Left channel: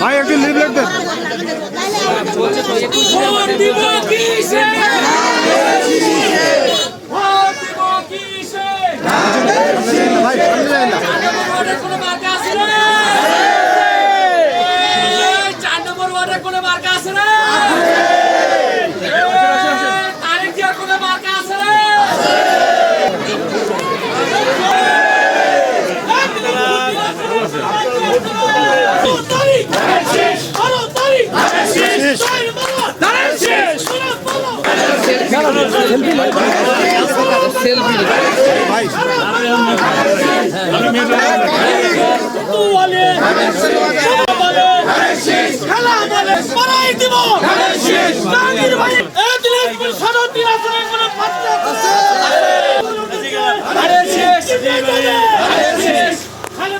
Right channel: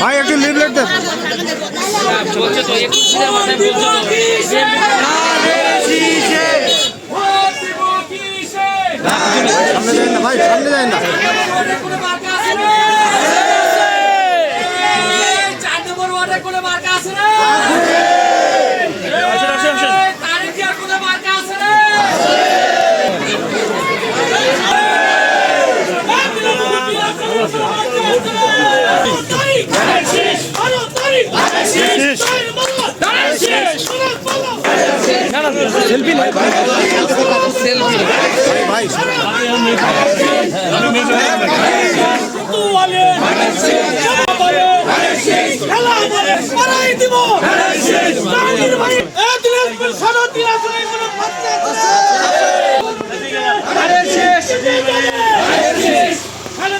ভাই একটু লিফলেট দেন ভাই সামনে যায় না ভাই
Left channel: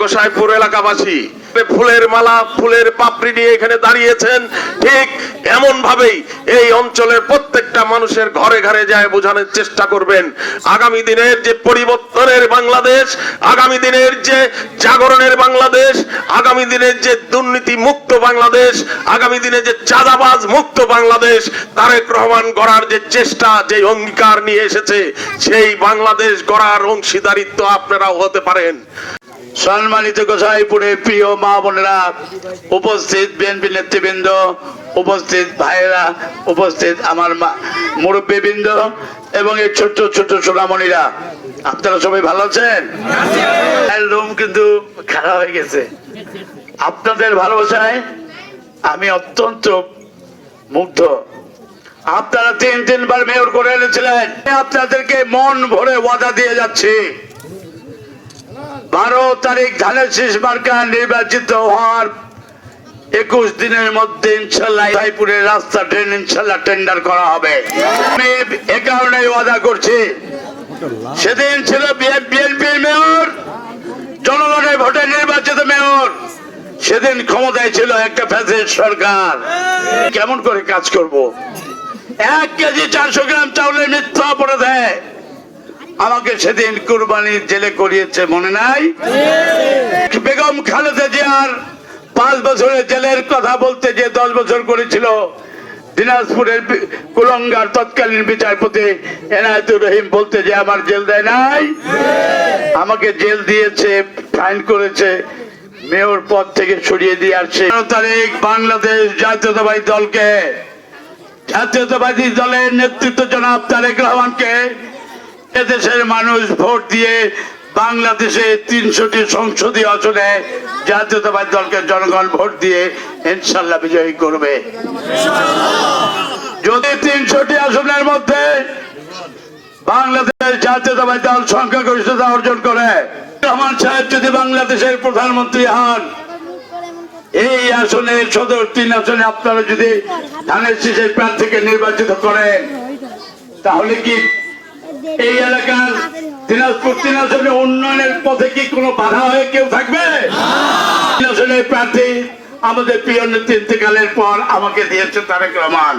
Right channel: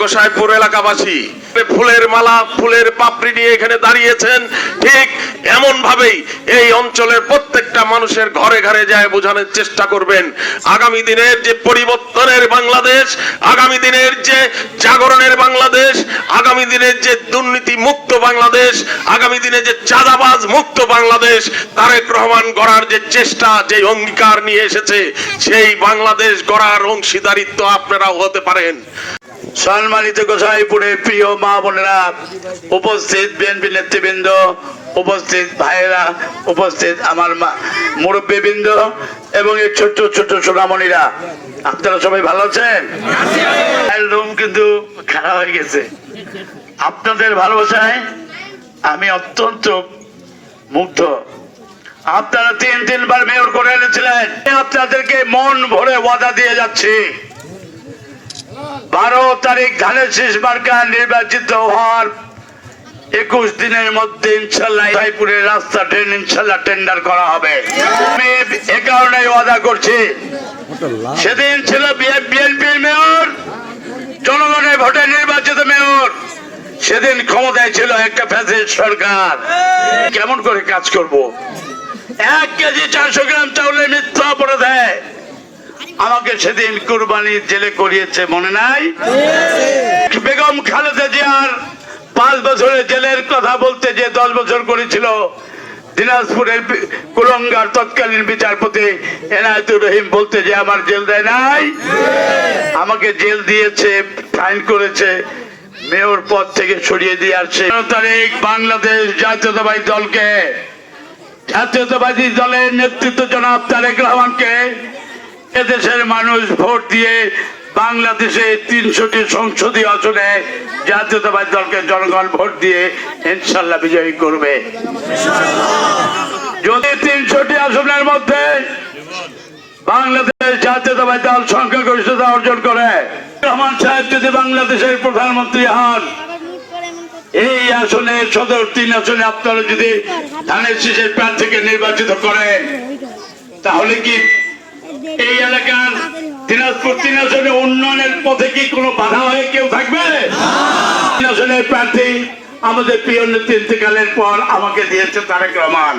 গোসাইপুর এলাকাবাসী। ফুলের মালা, ফুলের পাপড়ি নিয়ে এখানে দাঁড়িয়েছেন। ঠিক এমন ভাবেই এই অঞ্চলের প্রত্যেকটা মানুষের ঘরে ঘরে যায় বোঝানোর চেষ্টা করবেন। আগামী দিনের যে পরিবর্তনের বাংলাদেশ, আগামী দিনের যে জাগরণের বাংলাদেশ, আগামী দিনের যে দুর্নীতি মুক্ত বাংলাদেশ, আগামী দিনে যে চাঁদাবাজ মুক্ত বাংলাদেশ, তারেক রহমান গড়ার যে চেষ্টা যে অঙ্গীকার নিয়ে এসেছে, সেই বাংলাদেশ গড়ার অংশীদারিত্ব আপনারাও হতে পারেন। সম্মানিত গোসাইপুরের প্রিয় মা বোনেরা, উপস্থিত বিএনপি নেতৃবৃন্দ, উপস্থিত ভাইয়েরা, উপস্থিত আমার মুরব্বীবৃন্দ এবং এই ছোট্ট ছোট্ট সোনামণিরা। আপনারা সবাই ভালো আছেন? রুম কিন্তু খারাপ হয়ে গেছে। আপনাদের ভালোবাসায় আমি অত্যন্ত মুগ্ধ। আপনারা তিন, তিনবার মেয়র করে এনেছিলেন। আপনাদেরকে মন ভরে ওয়াদা দিয়ে যাচ্ছি। বারো তারিখ ধানের শেষ মার্কা নির্বাচিত হওয়ার একুশ দিনের মধ্যে ইনশাল্লাহ রায়পুরের রাস্তা ট্রেন ইনশাল্লাহ টেন্ডার করা হবে। আমি এ কারণে ওয়াদা করছি। সেদিন ছিল বিএনপির মেয়র, জনগণের ভোটে নির্বাচিত মেয়র। সেদিন ক্ষমতায় ছিল একটা ফ্যাসিস্ট সরকার। কেমন করে কাজ করব? এক কেজি চারশো গ্রাম চাউলের মিথ্যা অপরাধে আমাকে সেদিন কুরবানির জেলে করিয়েছে, মনে নাই? বেগম খালেদা জিয়ার পাঁচ বছরের জেলের কথা বলতে যে দশ বছর করেছিল, দিনাজপুরের কুলঙ্গার তৎকালীন বিচারপতি এনায়তুর রহিম বলতে যে আমার জেল দেয় নাই? আমাকে জেল দিয়েছে, ফাইন করেছে, মেয়র পদ থেকে সরিয়ে দিয়ে আসছে। তারিখ বাংলাদেশ জাতীয়তাবাদী দলকে, জাতীয়তাবাদী দলের নেতৃত্ব জনাব তারেক রহমানকে এদেশের মানুষ ভোট দিয়ে বাংলাদেশে তিনশোটি সংসদীয় আসনে জাতীয়তাবাদী দলকে জনগণ ভোট দিয়ে ইনশাল্লাহ বিজয়ী করবে। যদি তিনশোটি আসনের মধ্যে বাংলাদেশ জাতীয়তাবাদী দল সংখ্যাগরিষ্ঠতা অর্জন করে, রহমান সাহেব যদি বাংলাদেশের প্রধানমন্ত্রী হন, এই আসনে সদর তিন আসনে আপনারা যদি ধানের শীষের প্রার্থীকে নির্বাচিত করেন, তাহলে কি এই এলাকার দিনাজপুর তিন উন্নয়নের পথে কি কোনো বাধা হয়ে কেউ থাকবে? প্রার্থী আমাদের প্রিয় নেতৃত্বকালের পর আমাকে দিয়েছে তারেক রহমান।